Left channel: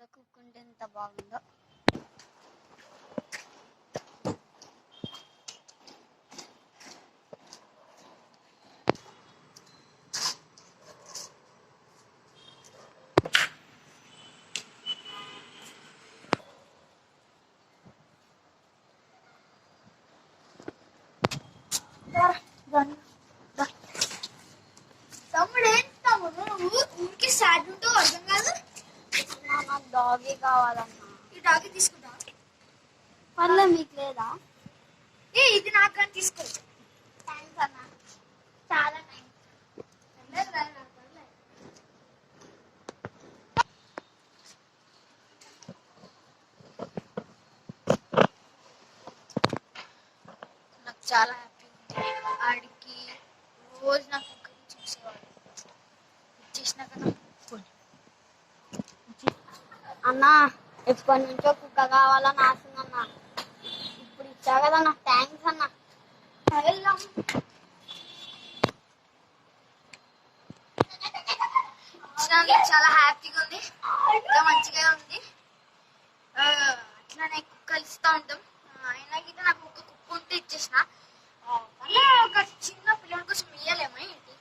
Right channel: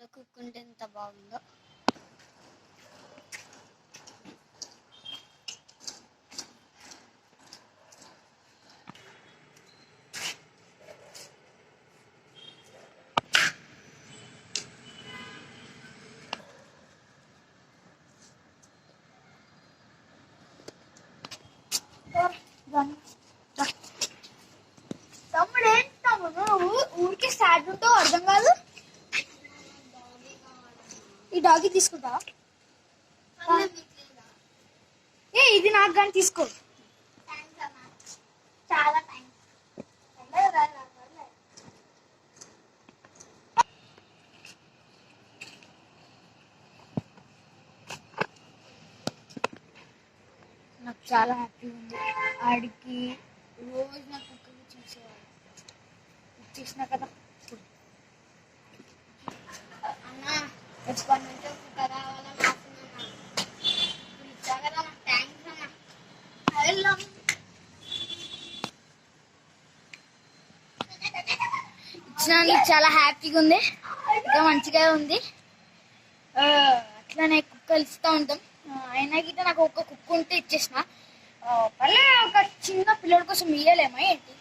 కూడా కుక్కుంటే ఎంత బాగుందో. తమ్ముడు ఏంటి తమ్ముడు ఊరికి సాడ్ ఉంటావు అర్థం కాదు. నాకు డాగీ కావాలన్నా. ఈ డాగీ తీసుకుంటా పర్లే, మీకు లేదా? ఇది నాకు కానీ తీసుకో. థ్యాంక్స్ అన్న, చాలా థ్యాంక్స్. నాకు చాలా హ్యాపీగా ఉంది. ఆడికి రోజు నా కుక్కకి చూసేవాడు. ఇచ్చేసిన కదా. అన్న, ఎప్పటి నుంచో కుక్క కావాలని ఆశనన్నా. ఇప్పుడు ఇచ్చా కదా అన్న, థ్యాంక్స్ అన్న. ఇచ్చినందుకు చాలా హ్యాపీగా ఉంది, ఇంకా మంచిగా ఉంది. అట్లనే కుక్కలు ఇస్తూ ఉంటాం. అయినా గిట్ట నాకు ఒక కుక్క ఉంటే ఇచ్చేసిన. పల్లె ఒక చిన్న పిల్లడి కోసం ఇయ్యలేమా ఏంటి?